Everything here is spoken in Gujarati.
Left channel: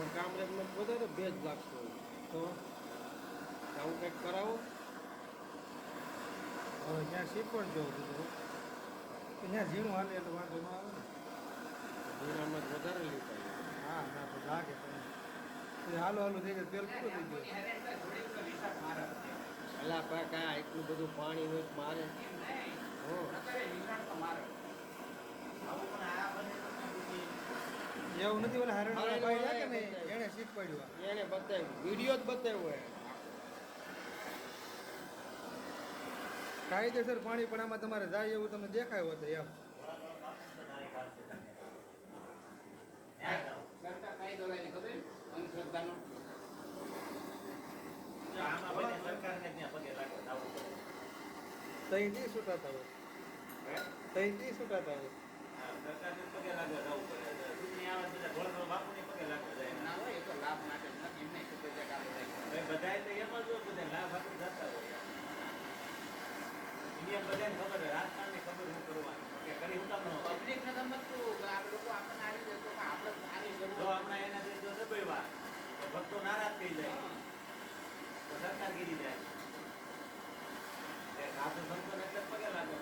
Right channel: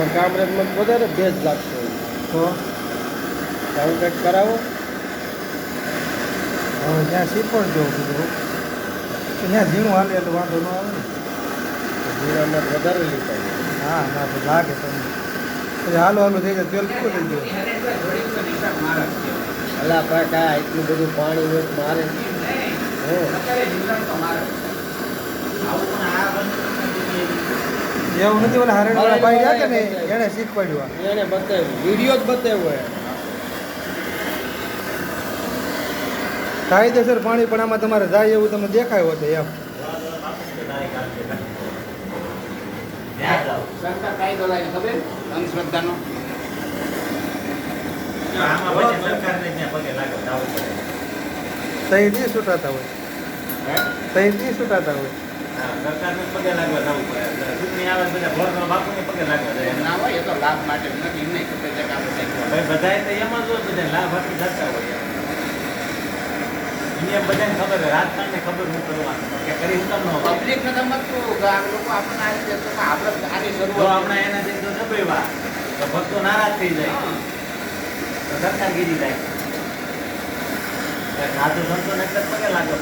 તમારે કામરેજમાં વધારે ભેજ લાગતો હોય તો આવું કંઈક કરાવો. હવે જ્યાં શીખવડ જવું કીધું ત્યાં ઝીણું હાલે એટલે વાંધો ન આવે ને. જીરામાં વધારે લીધા હા ના તો લાગે તમને પછી હાલો હાલો થઈ જાય તેલ પૂરું થઈ ગયું. અલા પણ કાંઈ એટલું બધું પાણી હોય તો મારે હે એવું નથી ઓલા હરણવાળા ભાઈ રહ્યા કે ને એણે શીખવાડ્યું એને બતાવ્યું વિડીયો જ બતાવ્યો હોય. કાયદેસર પાણી પણ આમાં તમારે જાય એવું તમને દેખાયું હતું એમ. સરકાર કાયદો લાવી ખબર અંધશ્રદ્ધાનો તહીથી છૂટાતા હોય તહીથી છૂટાતા હોય. ના હોય એ તો લાભ માટે નથી નહીં ખબર છે કે આપણે પબ્લિક ને સમજતું આ લોકો આપણને આ રીતે તો આપણે આની શરૂઆત ભક્તો નારાજ થઈ જાય તો સરકાર ગીરી જાય સાધુ સંતો ને પગે લાગો